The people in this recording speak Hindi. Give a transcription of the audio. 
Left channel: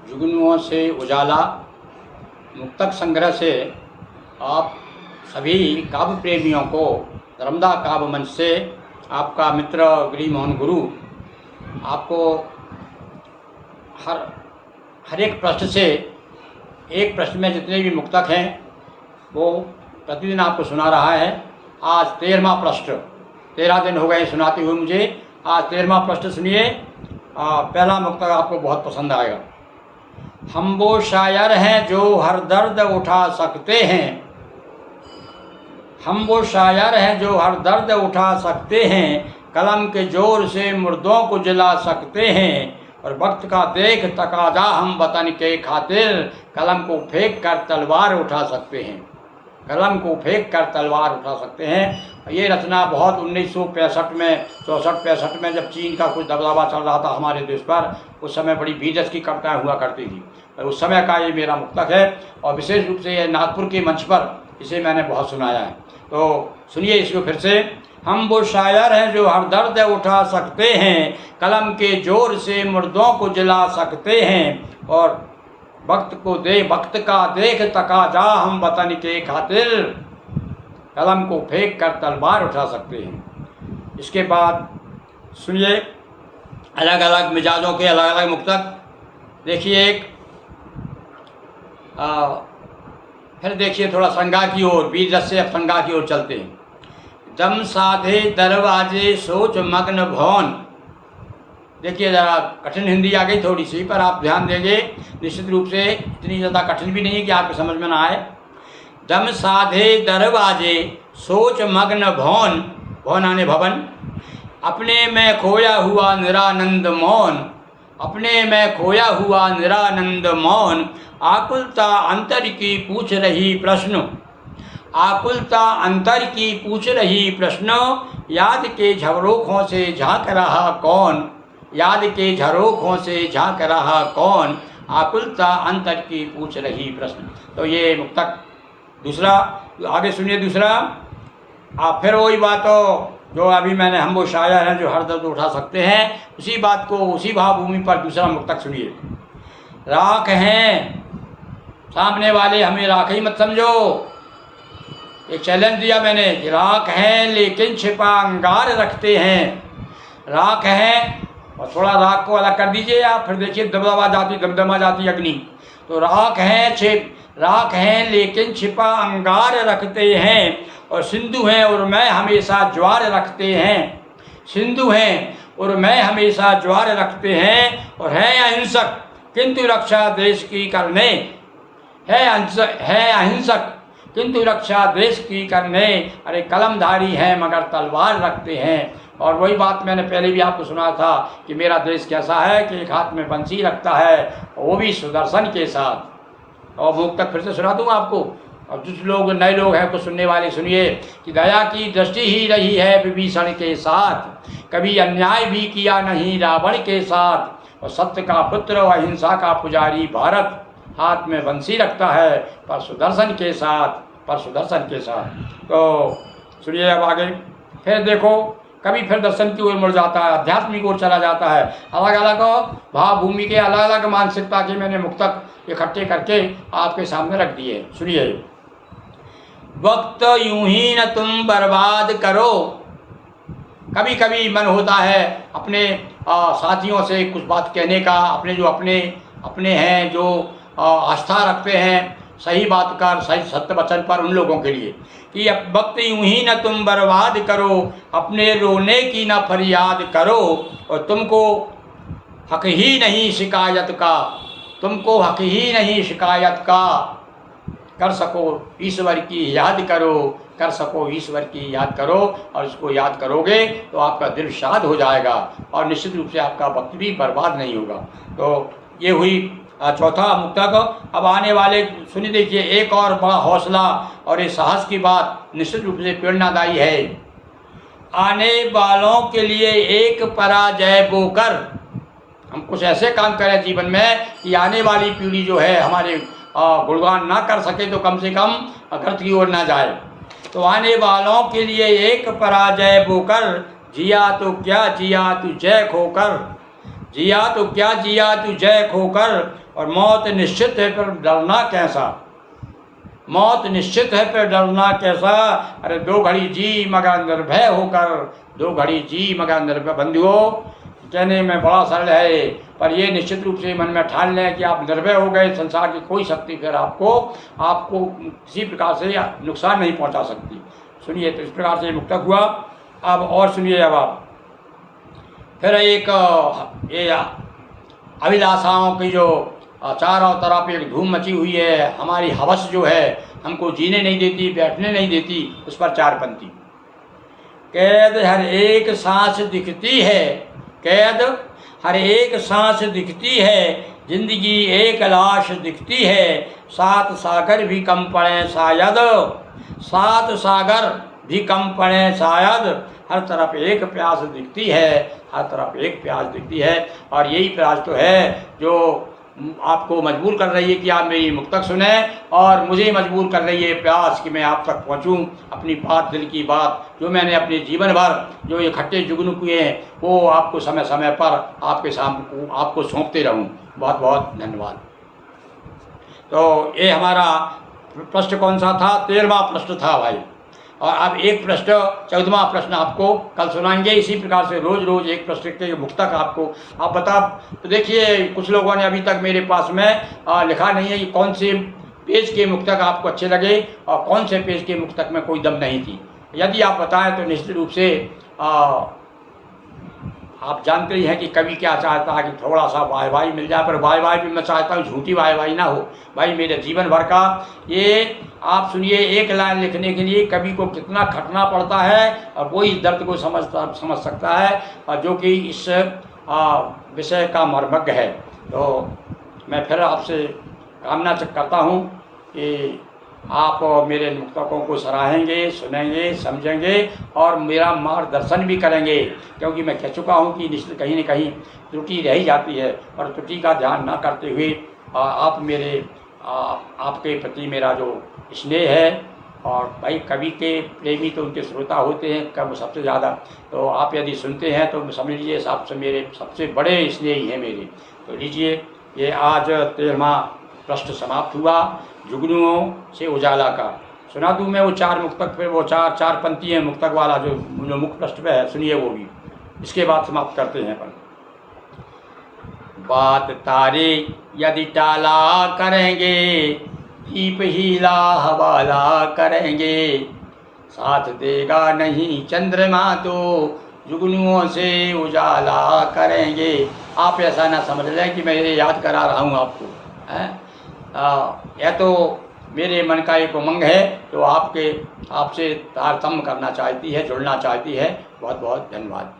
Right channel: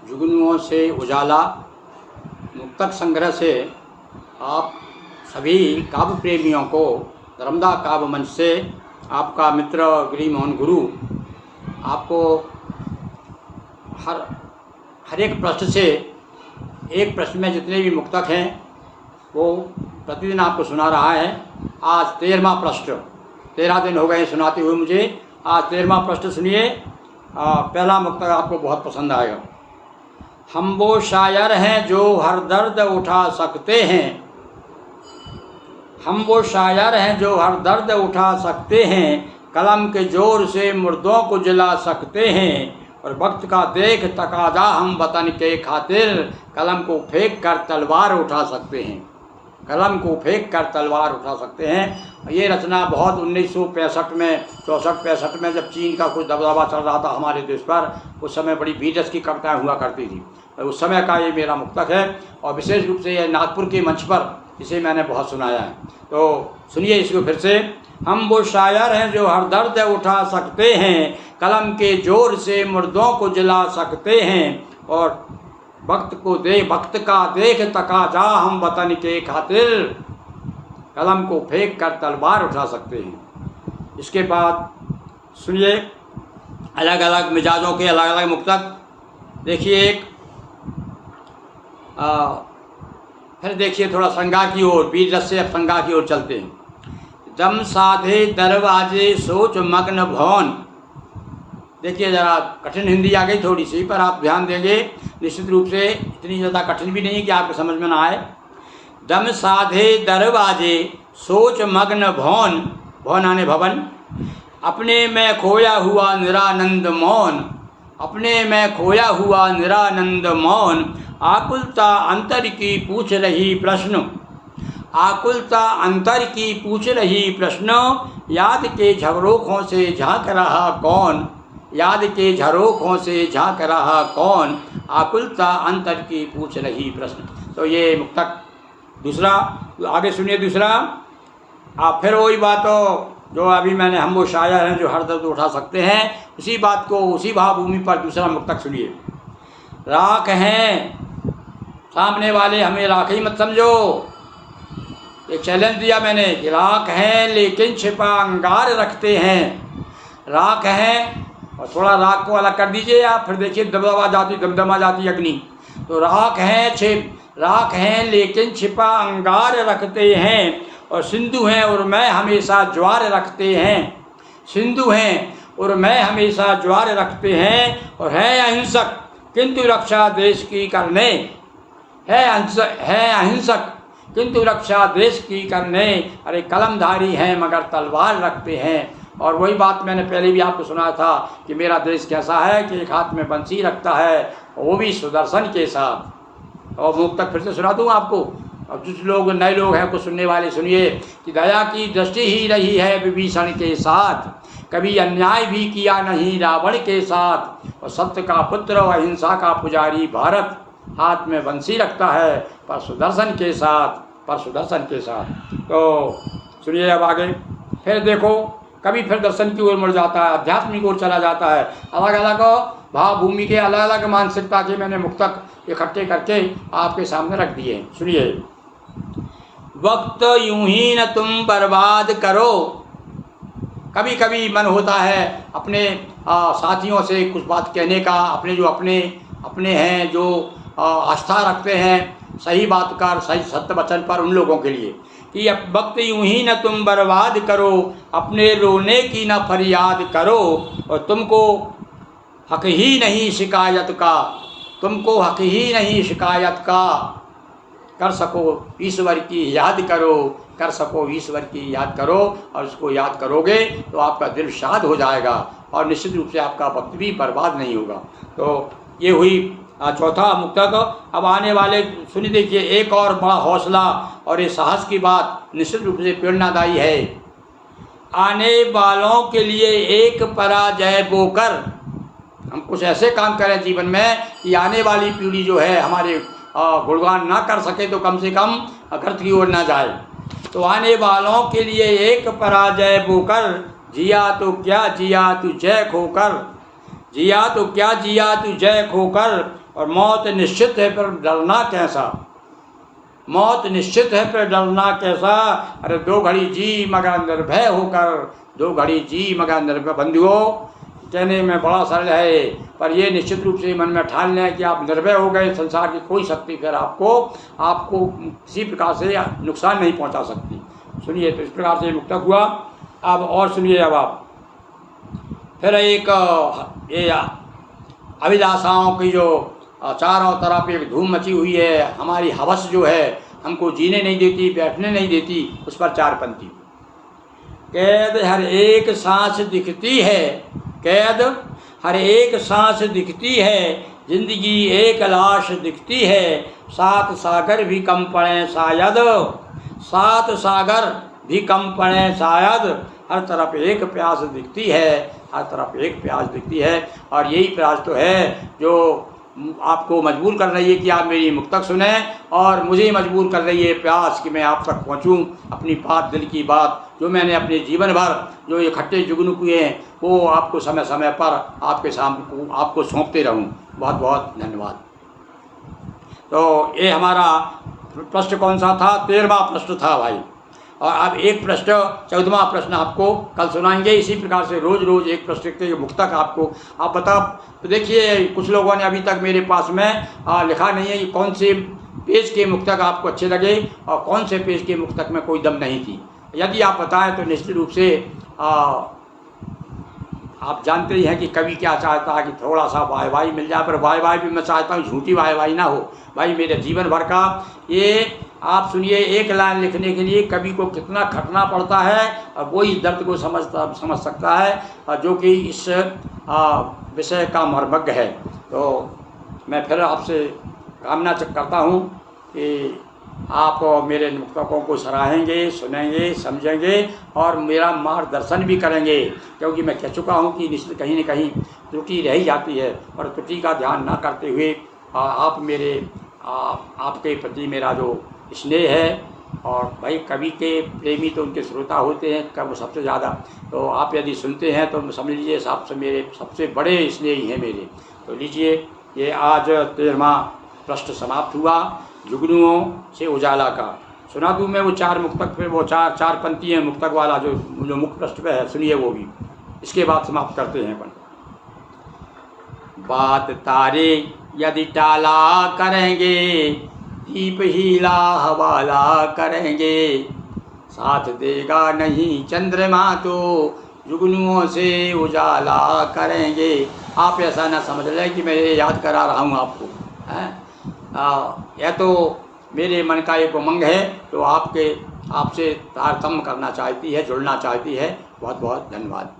जुगनुओं से उजाला मुक्तक संग्रह से आप सभी काव्य प्रेमियों को धर्मदा काव्य मंच से आपका मित्र गिरी मोहन गुरु आपको हर एक प्रश्न से एक प्रश्न में जितने भी मुक्तक हैं वो प्रतिदिन आपको सुना रहा है। आज 13वां प्रश्न, 13 दिन हो गए सुनाते हुए मुझे। आज 13वां प्रश्न सुनिए। पहला मुक्तक आपको बहुत पसंद आएगा। हम वो शायर हैं जो हर दर्द उठा सकते हैं, हम वो शायर हैं जो हर दर्द उठा सकते हैं, कलम के जोर से मुर्दों को जला सकते हैं, और वक्त का देख तकाजा हम वतन के खातिर कलम को फेंक कर तलवार उठा सकते हैं, कलम को फेंक कर तलवार उठा सकते हैं। ये रचना बहुत 1965 में 64-65 में जब चीन का कुछ दबदबा चल रहा था हमारे देश पर, उस समय बड़ी बीजस की कविताएँ हुआ करती थी। उस समय का ये मेरा मुक्तक है और विशेष रूप से ये नागपुर के मंच पर इसे मैंने बहुत सुनाया है। तो सुनिए इसको फिर से। हम वो शायर हैं जो हर दर्द उठा सकते हैं, कलम के जोर से मुर्दों को जला सकते हैं, और वक्त का देख तकाजा हम वतन के खातिर कलम को फेंक कर तलवार उठा सकते हैं। इसके बाद सुनिए अलग अलग मिजाजों के अलग अलग मुक्तक। देखिए एक फिर देखिए थोड़ा श्रृंगार की ओर, वीर रस से अब श्रृंगार की ओर चलते हैं। दम साधे दरवाजे सोच मग्न भवन। देखिए ज़रा कठिन हिंदी आ गई थोड़ी सी, पर आप ध्यान देंगे निश्चित रूप से इतनी ज़्यादा कठिन भी नहीं कि आपको समझ में ना आए। दम साधे दरवाजे सोच मग्न भवन, भवन आने भवन, अपने में खोया हुआ निरानंद मौन, अपने में खोया हुआ निरानंद मौन, आकुलता अंतर की पूछ रही प्रश्न, आकुलता अंतर की पूछ रही प्रश्न, याद के झरोखों से झांक रहा कौन, याद के झरोखों से झांक रहा कौन, आकुलता अंतर की पूछ रही प्रश्न। तो ये मुक्तक दूसरा, आगे सुनिए दूसरा। आप फिर वही बात हो जो अभी मैंने हम वो शायर हैं जो हर दर्द उठा सकते हैं, उसी बात को उसी भावभूमि पर दूसरा मुक्तक सुनिए। राख हैं, सामने वाले हमें राख ही मत समझो। एक चैलेंज दिया मैंने कि राख हैं लेकिन छिपा अंगार रखते हैं, राख हैं और थोड़ा राख को अलग कर दीजिए आप, फिर देखिए दमदमा जाती अग्नि। तो राख हैं लेकिन छिपा अंगार रखते हैं, और सिंधु हैं और मैं हमेशा ज्वार रखते हैं, सिंधु हैं और मैं हमेशा ज्वार रखते हैं, और हैं अहिंसक किंतु रक्षा देश की करने, है अहिंसक किंतु रक्षा देश की करने, अरे कलमधारी हैं मगर तलवार रखते हैं। और वही बात मैंने पहले भी आपको सुना था कि मेरा देश कैसा है कि एक हाथ में बंसी रखता है, वो भी सुदर्शन के साथ। और मुक्तक फिर से सुना दूँ आपको। अब कुछ लोग नए लोग हैं कुछ सुनने वाले सुनिए कि दया की दृष्टि ही रही है विभीषण के साथ, कभी अन्याय भी किया नहीं रावण के साथ, और सत्य का पुत्र और अहिंसा का पुजारी भारत, हाथ में बंसी रखता है पर सुदर्शन के साथ, पर सुदर्शन के साथ। तो सुनिए अब आगे फिर देखो, कभी फिर दर्शन की ओर मुड़ जाता है, आध्यात्मिक ओर चला जाता है। अलग अलग भावभूमि के अलग अलग मानसिकता के मैंने मुक्तक इकट्ठे करके आपके सामने रख दिए। सुनिए। वक्त यूं ही न तुम बर्बाद करो। कभी कभी मन होता है अपने साथियों से कुछ बात कहने का, अपने जो अपने हैं जो आस्था रखते हैं सही बात का, सही सत्य वचन पर, उन लोगों के लिए कि अब वक्त यूं ही न तुम बर्बाद करो, अपने रोने की न फरियाद करो, और तुमको हक ही नहीं शिकायत का, तुमको हक ही नहीं शिकायत का, कर सको ईश्वर की याद करो, कर सको ईश्वर की याद करो, और उसको याद करोगे तो आपका दिल शाद हो जाएगा और निश्चित रूप से आपका वक्त भी बर्बाद नहीं होगा। तो ये हुई चौथा मुक्तक। अब आने वाले सुनिए, देखिए एक और बड़ा हौसला और ये साहस की बात निश्चित रूप से प्रेरणादायी है। आने वालों के लिए एक पराजय बोकर, हम कुछ ऐसे काम करें जीवन में कि आने वाली पीढ़ी जो है हमारे गुणगान ना कर सके तो कम से कम गर्त की ओर ना जाए। तो आने वालों के लिए एक पराजय बोकर, जिया तो क्या जिया तू जय खोकर, जिया तो क्या जिया तू जय खोकर, और मौत निश्चित है पर डरना कैसा, मौत निश्चित है पर डरना कैसा। अरे 2 घड़ी जी मगर निर्भय होकर, 2 घड़ी जी मगर निर्भय। बंधुओं, कहने में बड़ा सरल है, पर ये निश्चित रूप से मन में ठान लें कि आप निर्भय हो गए, संसार की कोई शक्ति फिर आपको किसी प्रकार से नुकसान नहीं पहुंचा सकती। सुनिए, तो इस प्रकार से मुक्तक हुआ। अब और सुनिए, अब आप फिर एक ये अभिलाषाओं की जो चारों तरफ एक धूम मची हुई है, हमारी हवस जो है हमको जीने नहीं देती, बैठने नहीं देती, उस पर 4 पंक्ति। कैद हर एक सांस दिखती है, कैद हर एक सांस दिखती है, जिंदगी एक लाश दिखती है, 7 सागर भी कम पड़े शायद, 7 सागर भी कम पड़े शायद, हर तरफ एक प्यास दिखती है, हर तरफ एक प्यास दिखती है। और यही प्यास तो है जो आपको मजबूर कर रही है कि आप मेरी मुक्तक सुने, और मुझे मजबूर कर रही है प्यास कि मैं आप तक पहुंचूं, अपनी बात, दिल की बात जो मैंने अपने जीवन भर जो इकट्ठे जुगनू किए हैं वो आपको समय समय पर आपके सामने आपको सौंपते रहूं। बहुत बहुत धन्यवाद। तो ये हमारा प्रश्न कौन सा था? 13वां प्रश्न था भाई। और अब एक प्रश्न, 14वां प्रश्न आपको कल सुनाएंगे। इसी प्रकार से रोज़ रोज़ एक प्रश्न के मुक्तक आपको आप बता। तो देखिए, कुछ लोगों ने अभी तक मेरे पास में लिखा नहीं है कि कौन से पेज के मुक्तक आपको अच्छे लगे और कौन से पेज के मुक्तक में कोई दम नहीं थी। यदि आप बताएं तो निश्चित रूप से आप जानते ही हैं कि कवि क्या चाहता है कि थोड़ा सा वाहवाही मिल जाए, पर वाहवाही भी मैं चाहता हूँ झूठी वाहवाही ना हो भाई। मेरे जीवन भर का ये आप सुनिए, एक लाइन लिखने के लिए कवि को कितना खटना पड़ता है, और वो इस दर्द को समझ सकता है, और जो कि इस विषय का मर्मज्ञ है। तो मैं फिर आपसे कामना करता हूँ कि आप मेरे मुक्तकों को सराहेंगे, सुनेंगे, समझेंगे और मेरा मार्गदर्शन भी करेंगे, क्योंकि मैं कह चुका हूँ कि निश्चित कहीं न कहीं त्रुटि रह ही जाती है, और त्रुटि का ध्यान ना करते हुए आप मेरे आपके प्रति मेरा जो स्नेह है, और भाई कवि के प्रेमी तो उनके श्रोता होते हैं कब सबसे ज़्यादा, तो आप यदि सुनते हैं तो समझ लीजिए आपसे मेरे सबसे बड़े स्नेही हैं मेरे। तो लीजिए, ये आज 13वां प्रश्न समाप्त हुआ, जुगनुओं से उजाला का। सुना दूँ मैं वो 4 मुक्तक पे, वो चार पंक्ति है मुक्तक वाला जो मुख्य प्रश्न पे है, सुनिए वो भी, इसके बाद समाप्त करते हैं अपन। बात तारे यदि टाला करेंगे, दीप हीला हवाला करेंगे, साथ देगा नहीं चंद्रमा तो जुगनुओं से उजाला करेंगे। आप ऐसा ना समझ लें कि मैं ये याद करा रहा हूँ आपको, यह तो मेरे मन का एक उमंग है, तो आपसे तारतम्य करना चाहती है, जुड़ना चाहती है। बहुत बहुत धन्यवाद।